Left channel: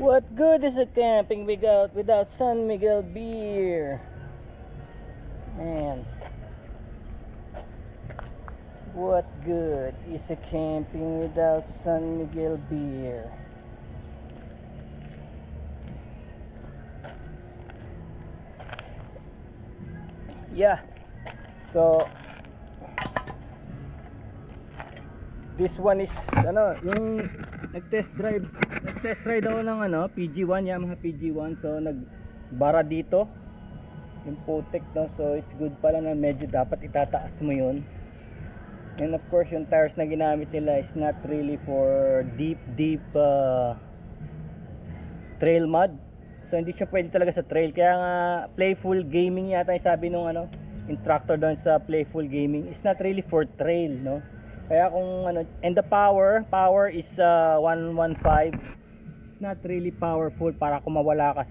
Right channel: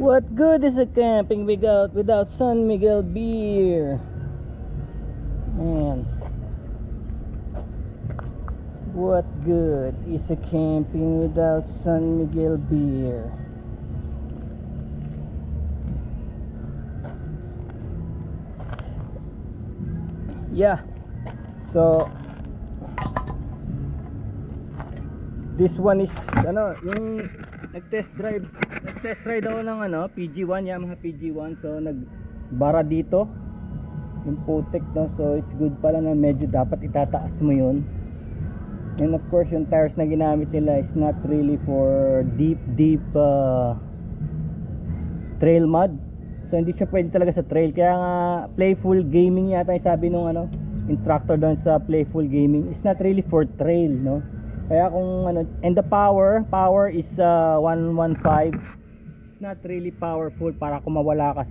What good is a camping without San Miguel beer? Man, what good is a camping without San Miguel beer? Yeah, so this one is yung nag-test ride ako ng PG1, Yamaha PG1. So nagbara dito yung putik, no? So it's good pala na medyo dapat itataas mo yun. And of course yung tires na ginamit nila is not really for deep trail mud. So hindi siya pwede talaga sa trail. Kaya nga playful gaming yata yung sabi nung instructor doon sa playful gaming. It's not really for trail, no? Kaya kung and the power is 115. It's not really powerful para kung mawala ka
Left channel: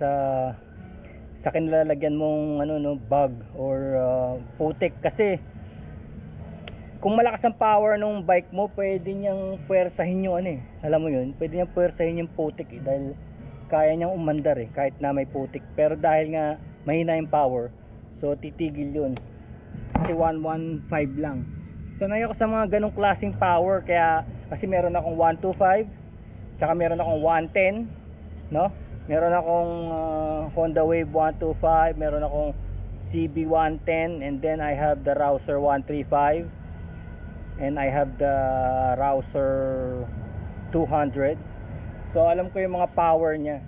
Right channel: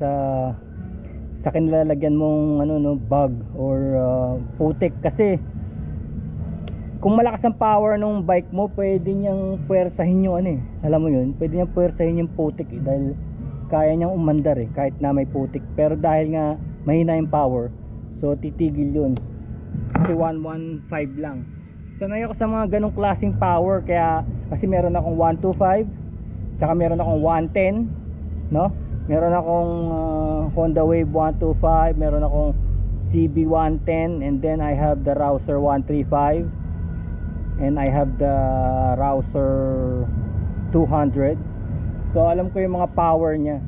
sa kinilalagyan mong bug or putik. Kasi kung malakas ang power ng bike mo, pwede niyang puwersahin yung alam mo yun, pwede niyang puwersahin yung putik dahil kaya niyang umandar kahit na may putik. Pero dahil nga mahina yung power, so titigil yun kasi 115 lang. Sanay ako sa mga ganong klaseng power, kaya kasi meron akong 125, tsaka meron akong 110, no? Meron akong Honda Wave 125, meron akong CB 110, and then I have the Rouser 135, and I have the Rouser 200. So alam ko yung mga power niya,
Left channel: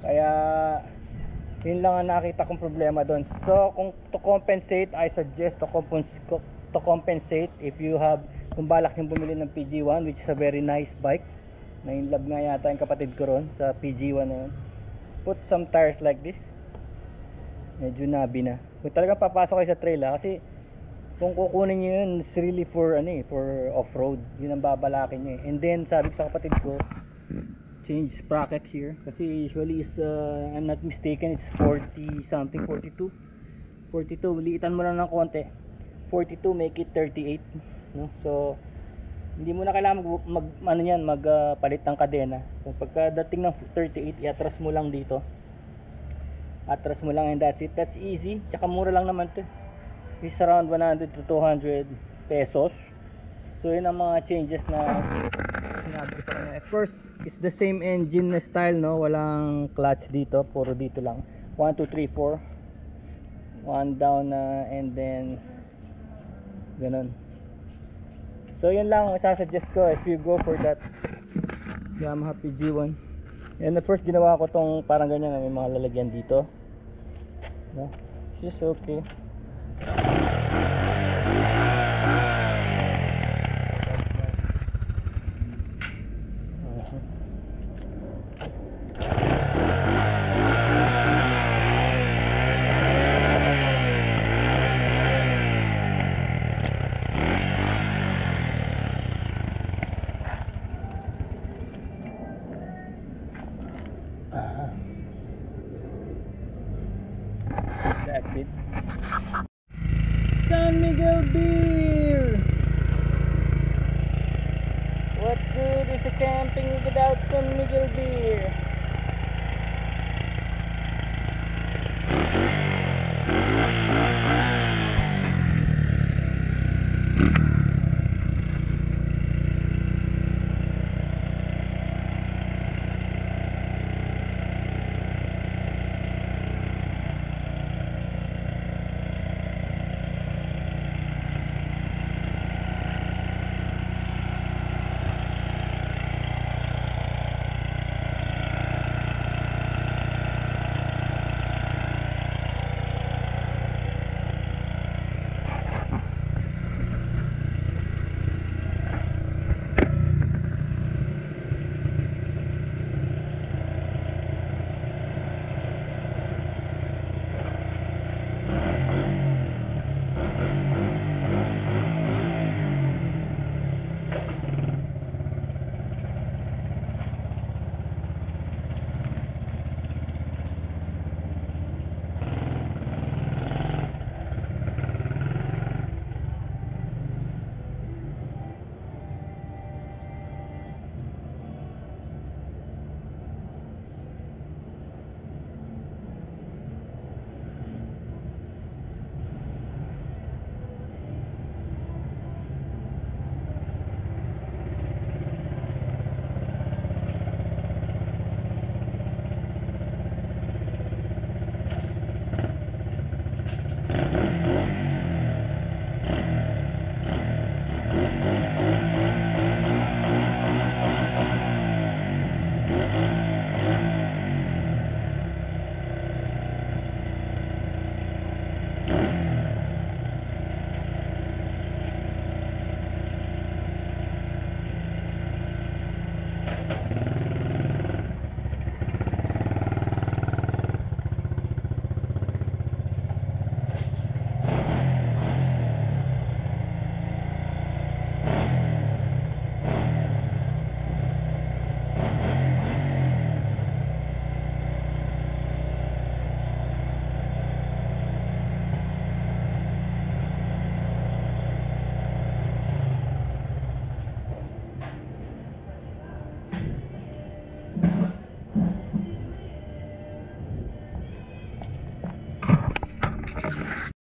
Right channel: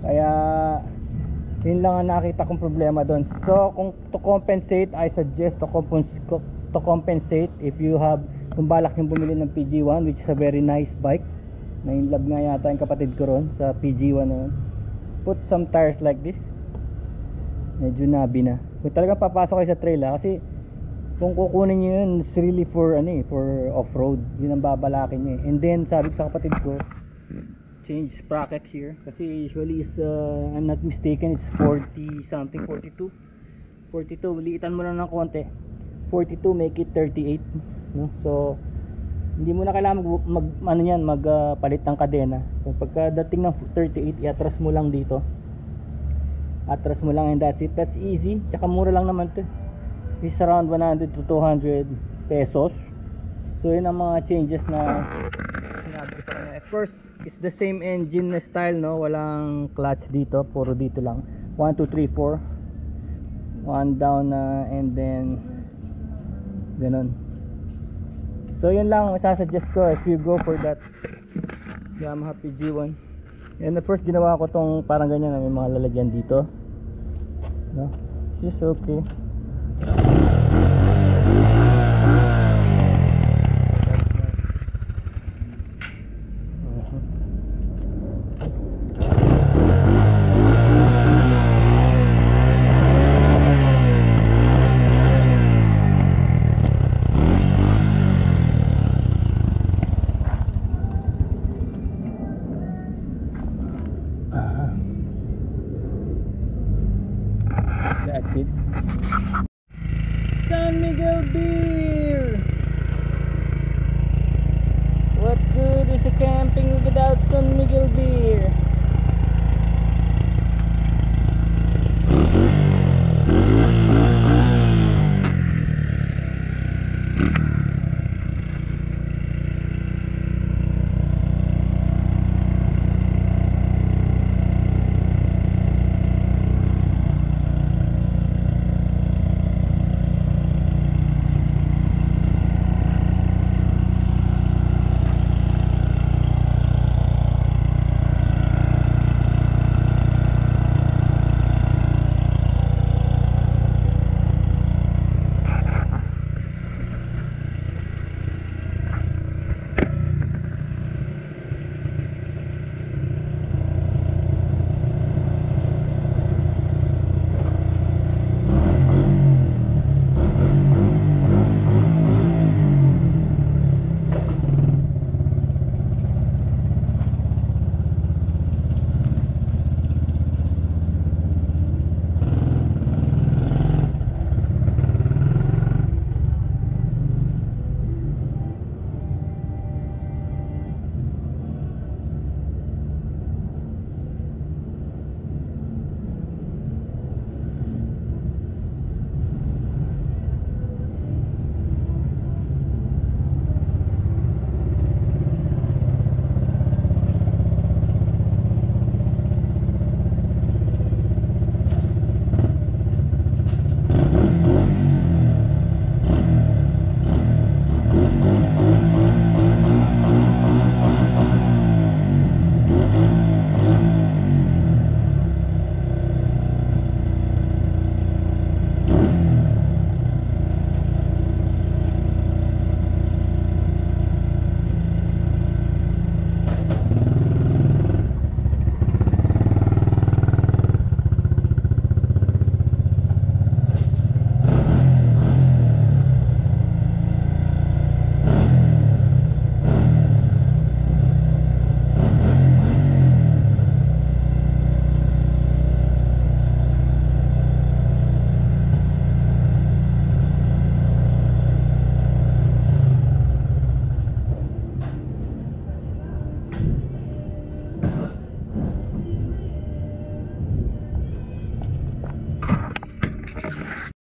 kaya yun lang ang nakita kong problema doon. So kung to compensate, I suggest to compensate if you have, kung balak yung bumili ng PG1, which is a very nice bike, na in love nga yata yung kapatid ko ron sa PG1 na yun, put some tires like this. Medyo nabi na kung talagang papasok kayo sa trail, kasi kung kukunin nyo yun, it's really for for off-road. Yun ang babalakin nyo. And then sabi ko sa kapatid ko, change sprocket here, kasi usually is I'm not mistaken, it's 40 something, 42. Liitan mo lang ng konti, 42, make it 38, no? So hindi mo na kailangan magpalit ng kadena. So pagkadating ng 38, iatras mo lang dito, atras mo lang, and that's it. That's easy, tsaka mura lang naman to. It's around 100 to 200 pesos. So yun ang mga changes na sinabi ko sa kanya. At first, it's the same engine na style, no? Walang clutch dito, puro dito lang. 1, 2, 3, 4, 1 down na, and then ganun. So yun lang masasuggest ko if you go for that Yamaha PG1. And at first ginawa ko tong parang ganyan na may mga lalagyan dito, no? It's just okay. That's it. San Miguel beer. What good is a camping without San Miguel beer?